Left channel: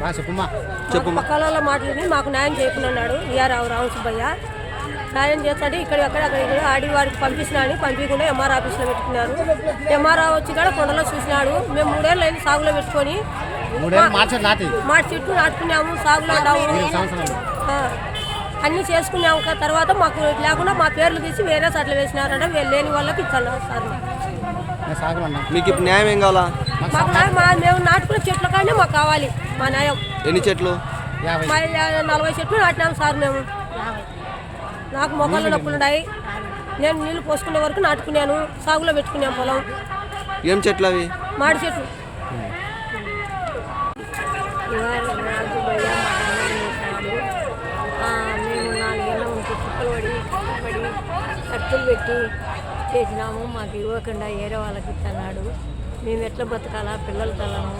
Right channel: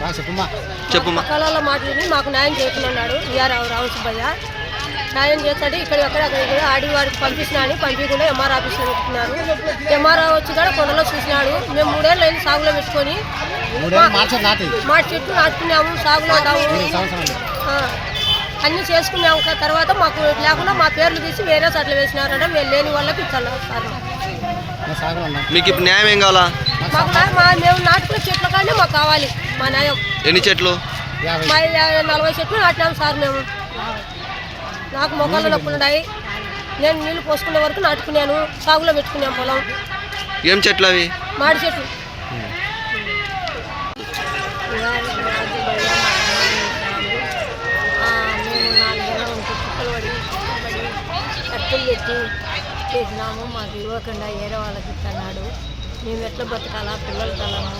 బాగా చెప్పమ్మా. చెప్పమ్మా. పక్కల మాటలని మాకు న్యాయం చేయకున్నాడు విఆర్ రావు సుబ్బయ్య. న్యాయం చేస్తాడు ఇక్కడ ఎక్కడ అక్కడ ఇక్కడ ఆడి వారికి పంపించినా అని పంపించకుండా ఎంఆర్ ఆఫీస్లో పెట్టుకున్నారు. ఎంఆర్ వచ్చి కూడా కొండలో చూసినాడు. మేము మూడేళ్ళు అయింది సాగులో పెట్టుకొని. మాటి చెట్లు నాటుకున్నాము సాగులో అన్నీ చేసుకున్నాము. తర్వాత మాకు లేకుండా మా పేర్లు తీసి వేరే చోట్ల వేసినారంటే వీళ్ళు లేని వాళ్ళకి ఇచ్చాను సార్ మీకు ఇప్పుడు న్యాయం ఏం కావాలా? మేము నాటుకునే చెట్ల కానీ మాకు కావాలి మా న్యాయం. ఎన్ని చెట్లు? నలభై చెట్లు నాటినాము సార్ మేము. నాకు మొక్కలు నొప్పులు ఉన్నాయి నేను నీళ్ళు పోసుకునే వరకు నాటుకున్నాను సాగులో పెట్టుకున్నాను పొలం. ఏం చెట్లు అవి? మాడి చెట్లు. మేము పెట్టి చేసినాము మాకు ఇవ్వకుండా వేరే వాళ్ళకి ఇస్తున్నాడు మేము ఎట్లా బతకాలా పిల్లలు తలము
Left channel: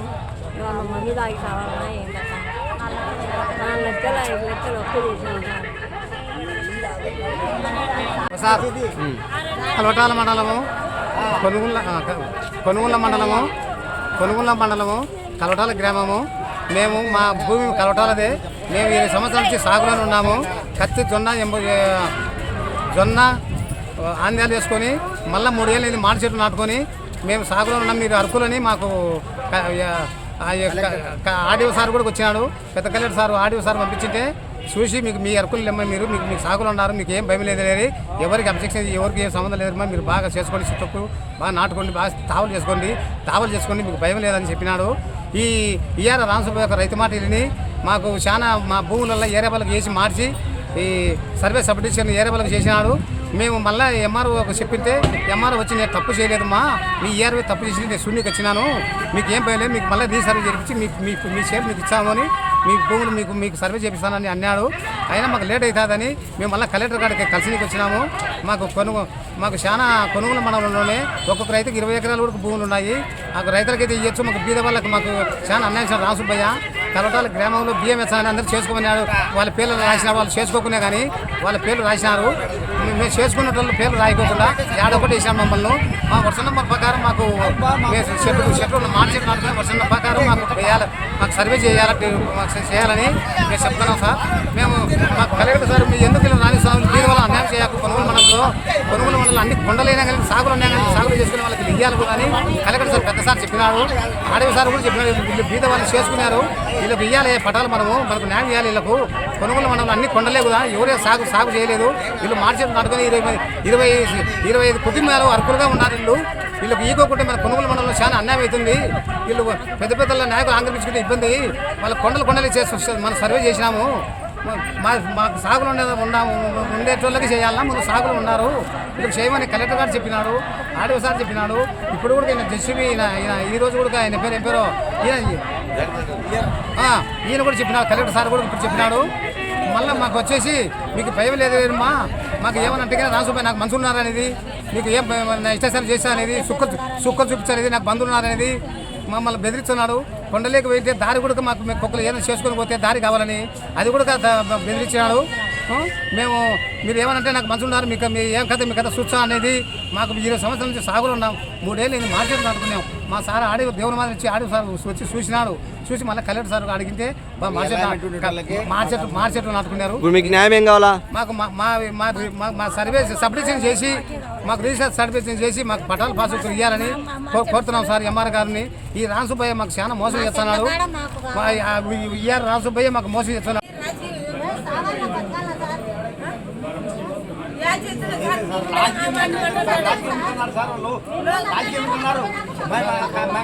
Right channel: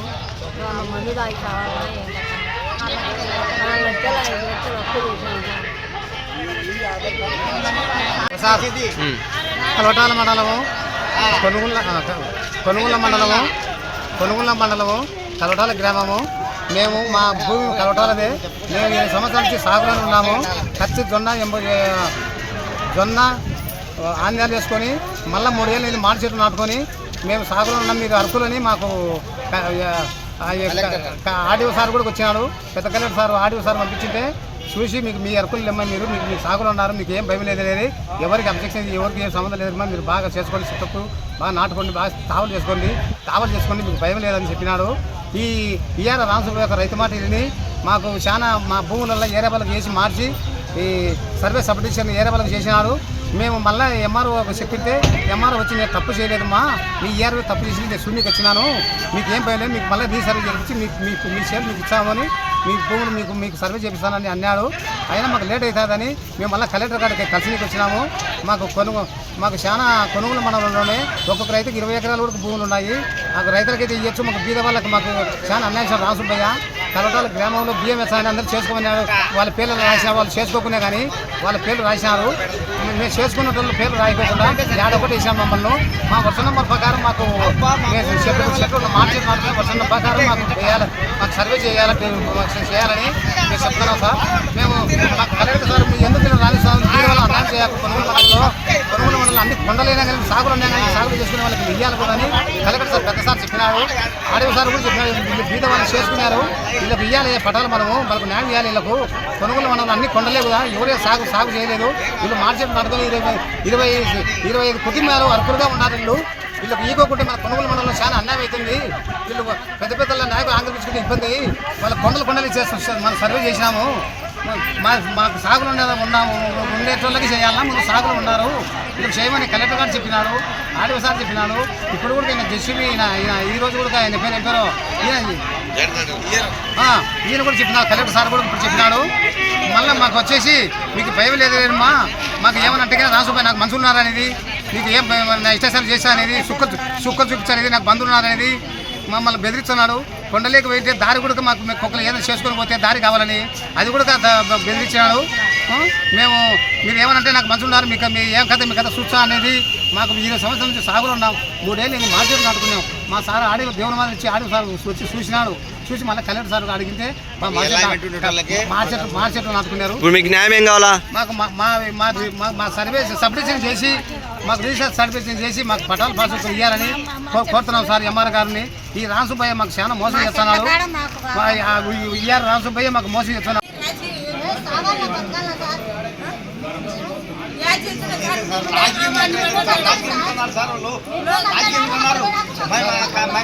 వాళ్ళ మందు తాగి కావాలా ఏం కథ? నాలుగు లక్షల ఐదు లక్షలు అప్పు. కలవటాల మండలము కొనుగోల ఆ, క- కొనుగోల మండలము కొనుగోల మండలము కలవటాల గ్రామము. మేము మా భూమి కలవటాలదే. మేము ఇరవై సంవత్సరాల నుంచి సాగులోనే ఉన్నాము. కత్తి జొన్న ఎంబ జొన్న ఆంధ్యాలు వేసుకొని మళ్ళీ మూడేళ్ళు ఇది మాడి చెట్లు నాటుకొని మేము సాగులో ఉన్నాం మీరు అరకులని మాకు ఆడియో సార్ కూడా వచ్చినాడు పెద్ద కలెక్టర్ సార్ ఆడియో సార్ పంపించింటే చూసి మీకు మీ అరకులు లెమ్మ మీరు మీకు మీ సాగులు ఉన్నారు మీకు ఏం భయం లేదు లేదు ఎవరికి అబ్జెక్షన్ ఎవరికి ఏం సంబంధం లేదమ్మా మీరు బాగా చేసుకోండి చుట్టూ బాగా నాటుకోండి బాగా తావలు చేసుకోండి తావలు చేసుకోండి మీకు భయం లేదని చెప్పినాడు. ఈ ఈఆర్ రామసుబ్బ యొక్క రైతు మాట విని మాకు చాలా మా భూములలో ఏరే వాళ్ళకి వేసి మార్చి ఈ సర్వే సబ్డిషన్ ఏరే వాళ్ళకి చేసినాడు. మేము మళ్ళీ ఎంఆర్ఓ చెప్పితే ఎంఆర్ఓ వచ్చి నేను తప్పు చేయలేదమ్మా. మీ ఈఆర్ఓ తప్పు చేసి నేను శూన్యకి వచ్చినాను. మీకు ఏం భయం మీకు మళ్ళీ రీసర్వే చేయించి మీకు మీకు మీ షేర్ మీకు ఇచ్చామని మీ భూములు మీకు మీకు సర్వే చేపిస్తానని అన్నాడు. అయినా మాకు లేట్ అవుతుందని మేము మళ్ళీ కలెక్టర్ గారికి కలిసికి వచ్చినాము. మాకు కొనుగో మాకు చాలా కొనుగోలు మండలంలోనే ఒక్కొక్క రైతుకి ఇరవై ఎకరాల వరకు భూములు ఉన్నాయి. మాకు రైతులకైతే ఇవ్వచ్చు మాకు బీద వాళ్ళకి మాకు చాలా అన్యాయం చేశారు తలటాల గ్రామంలో బియ్యం అని అందరూ చేసుకోమన్నాడు వాళ్ళ పేర్లు రాసిన వాళ్ళు చేసుకోకునే కానీ వాళ్ళ పేర్లు రాసినారు. మేము చేసుకున్న వాళ్ళు పేర్లు రాయకోకుండా ఏడొకటి వేసాం మమ్మల్ని. మా వర్ష నెంబర్ ప్రకారం మాకు షెడ్యూల్ చెట్లు చెట్లు మార్కెట్ వర్ష నెంబర్ ప్రకారం మాకు వేయాలి మాకు సర్వే చేయాలి చేయాలని మేము చెప్తున్నాం సార్. మేము మాకు కలెక్టర్ సార్ మీరు ఎందుకు ఇలా రాణిస్తాం కొనుగోలు మండలంలో కొనుగోలు మండలం అన్ని కొండలైనా కానీ సాగులు కానీ సాగులు చేసుకునే వాళ్ళకి ఇవ్వాలి కూడా అని కలెక్టర్ సార్ పెద్ద సార్ చెప్పినాడు ఆడవి సార్ కూడా చెప్పినారు. వీళ్ళు బీద వాళ్ళు చేసుకున్నారు. వీళ్ళకి ఇయ్యాలి పటాలు మనము మనకు న్యాయం ఇవ్వాలి వీళ్ళకు. కొనుగోలు మండలం అన్ని కొండలే కదా ఎవరే సాగు సాగు చేయలేదు. వీళ్ళు మార్కెట్ నాటుకొని ఇరవై ఇరవై ఇరవై ఐదు కుటుంబాలు అర్హులుగా ఉన్నారు వీళ్ళు. వీళ్ళకి ఈకోకుంటే మన కొనుగోలు మండలంలో చాలా అన్యాయం అవుతుంది. వీళ్ళు పెద్ద పెద్ద నాయకులు ఆంధ్రప్రదేశ్కి ఇబ్బంది వాళ్ళ కొండలు కొండలు చేసి మనం సర్వే చేసినాము. మాకు మాకు సాగులు ఉండేది ఉన్నాము. ఉండేటోళ్ళకి చేయాలన్నా ముందు సాగులు ఉన్నారు. ఇప్పుడు చేయమని కలెక్టర్ గారు చెప్పినాడు ఆడియో సార్ చెప్పినాడు. ఇప్పుడు కూడా ఈయన జస్టివి ఈ రోజు కూడా ఆయన పేరు ఏం పేరు ఈయన కూడా చెప్పినాడు కలెక్టర్ సార్ కూడా ఇప్పుడు చెప్పినాడు. మళ్ళీ మాకు వచ్చేసి మీకు భయం లేదు లేదమ్మా. మాకు ఏమనంటే రాసుపోయి నాకు మనుషులు ఉన్నారనేది నీకు ఏం నా ఇష్టాసాలు చేస్తా అనేది సుక్కలు సుక్కలు చూపించానేది నాకు బంధువులు ఉన్నారనేది మమ్మల్ని బెదిరిస్తున్నాడు. కొండలేకి వెళ్తే దారి కూడా మాకు కుక్కలు ఏదైనా చేసుకొని పోతే దారి కావాలని అది కూడా బెదిరించినాడు. మేము మీరు ఏమనంటే నాకు మంచి ఉన్నారు మీకు మీ ఏం కథ మీ కథ చూసా అనేది మాకు ఇరవై సంవత్సరాల నుంచి సాగులు ఉన్నాం మూడేళ్ళు నేను మార్కెట్ నాటుకున్నాం మా సార్ ఆడి దేవుని మీద వచ్చి ఆడి సార్ వచ్చి చూసినాడు చూసి మళ్ళీ కలెక్టర్ సార్ అడిగితే మా మార్కెట్ మార్కెట్ మార్కెట్ నాటుకున్నారు ఇప్పుడు మీకు న్యాయం ఏం కావాలా మాకు మా మా మా సర్వే సబ్డిషన్ చేసి మాకు రీసెర్చ్ సర్టిఫికేషన్ చేసి మాకు పటాల పాస్ ఇవ్వాలని కోరుతున్నాం సార్ ఎంఆర్ గారిని ఈ రామసుబ్బయ్య మాకు చాలా మోసం చేస్తున్నాడు మా ఇయ్యారు రామసుబ్బయ్య మాకు మోసం చేస్తున్నాడు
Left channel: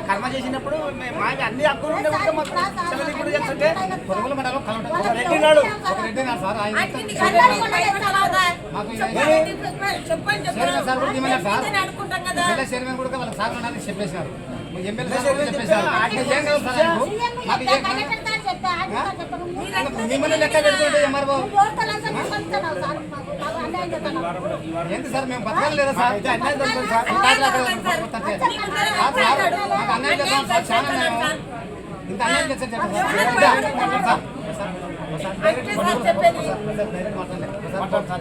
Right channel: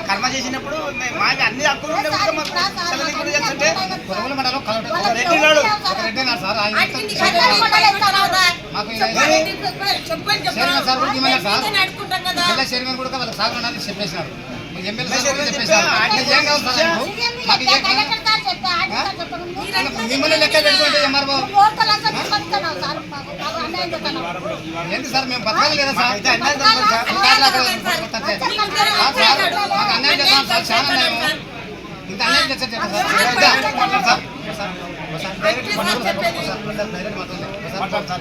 కర్మ చేసినప్పుడు మాకు అన్ని హక్కులు మండలం ఒక రెడ్డి నాడు. ఒక రెడ్డి నాడు సార్ ఆయన మాకు సార్ కూడా ఇవ్వలేదు సార్ చైర్మన్ కూడా వాళ్ళకి సాగులు చెప్పేసినారు ఎమ్మెల్యే సార్ చెప్పేసినారు అంటే ఏం కావాలి సార్ మాకు ఏం మిమ్మల్ని లెక్క పెట్టుకుంటే ఎంఆర్ఓ ఏంటి సార్ మేము బతకాలి లేదా సార్? అయితే అన్యాయం జరుగుతుంది సార్. అక్కడ మాకు అన్యాయం చేస్తాం సార్. చాలా అన్యాయం చెప్పండి డైరెక్ట్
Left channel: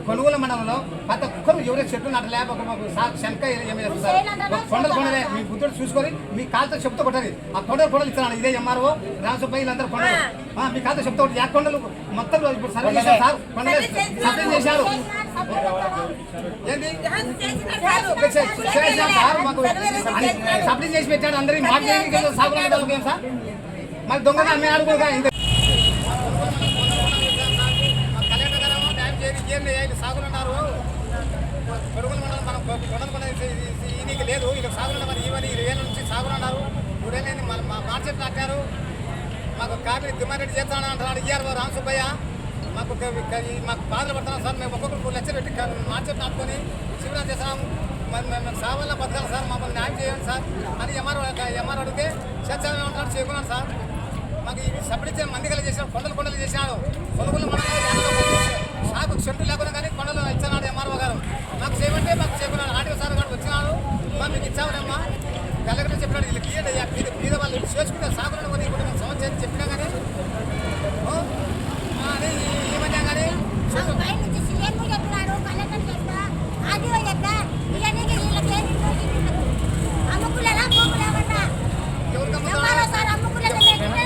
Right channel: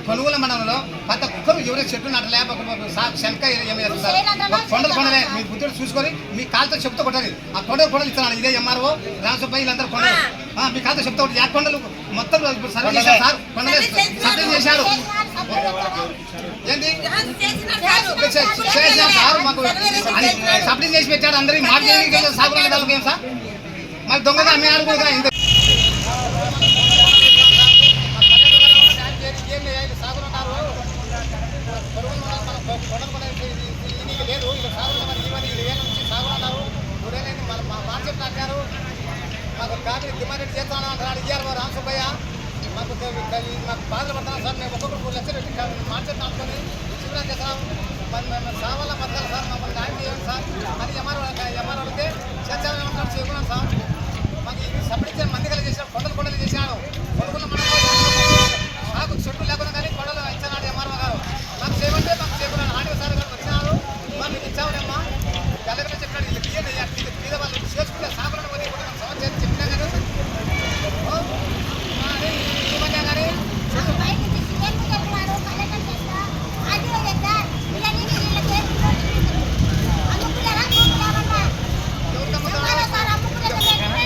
కొనుగోలు- మండలంలో ప్రతి ఒక్కరు ఎవరైనా చెట్టు నట్టలే ఒక- ఒక కొండలు కొండలే మీ బుద్ధుడు చూసుకొని మీ కాలుతో చెప్తూ కొట్టాలి ఆ కొండలు కొండలు ఇస్తున్నాను ఇదే ఎంఆర్ఓ రామసుబ్బయ్య వీళ్ళందరూ కొండలు మీ కాలుతో చెప్తూ కొట్టి ఆ కొండలు మొత్తం సర్వే చేశారు సార్ కొండలే సప్లై చేశారు ఏంటి చేసినాం సార్ మాకు అని సప్లై చేసి పెట్టాడు అందరికి మాకు ఏం సార్ మరి దొంగగా అమ్మినాడు కూడా ఇంత సాగులున్నారు పొరుగులు మనం మనం కొనలు కొనేది ఈయనకి లేదు ఇలా సాగులు మరి ఈవని ఇది నుంచి సాగులున్నారు ఊరేలేని మన మా మార్కెట్ నాటారు మాకు కాపీ డిమాండ్ చేస్తాను అంటున్నాడు ఇయ్యారు రామసుబ్బయ్య మాకు మాకు బాధలు పడుతున్నాం సార్ మేము ఒక్కొక్కరు మూడు లక్షలు పెట్టి మార్చెట్ నాటుకొని శిబిరం చేస్తున్నాము మరి మేము సావాల బతకాలి సార్ మమ్మల్ని న్యాయం చేయండి సార్ అని ఎంఆర్ ఎంఆర్ అడిగితే చేస్తామని ఉంటాడు చేయకున్నాం సార్ మాకు ఈ సబ్మిట్ ఇచ్చిన మంది కలిసి చేసినాడు. కొండలు కొండలు చేసినాడు. కొనుగోలు మనం చెట్లు లేకుండా కానీ కొండలు ఇచ్చినాడు ఎంఆర్ఓ గారు. మాకు చేయమంటే మాకు చేయకున్నాడు ఆడియో సార్ గారు వచ్చినాడు. మరి మీకు ఇచ్చావులేమ్మా. తెల్లగా చెప్పినాడు వీళ్ళు ఇయ్యండి అయ్యారు మీద వాళ్ళు చేసుకుంటే సాగులను పోనీ ఇప్పుడు మేము సమస్య అని చెప్పినా కానీ ఓ, కానీ ఈ మధ్య కానీ చెట్టు పైనుంచి సీఎం చెప్పినారు కలెక్టర్ చెప్ప ఆర్డీఓ చెప్పా ఇవన్నీ వీళ్ళకి అమ్ముకులేరా భూములేమన్నా ఎవరికి ఎవరో అమ్ముతాడు సార్ అమ్ముకులేదు చేయండి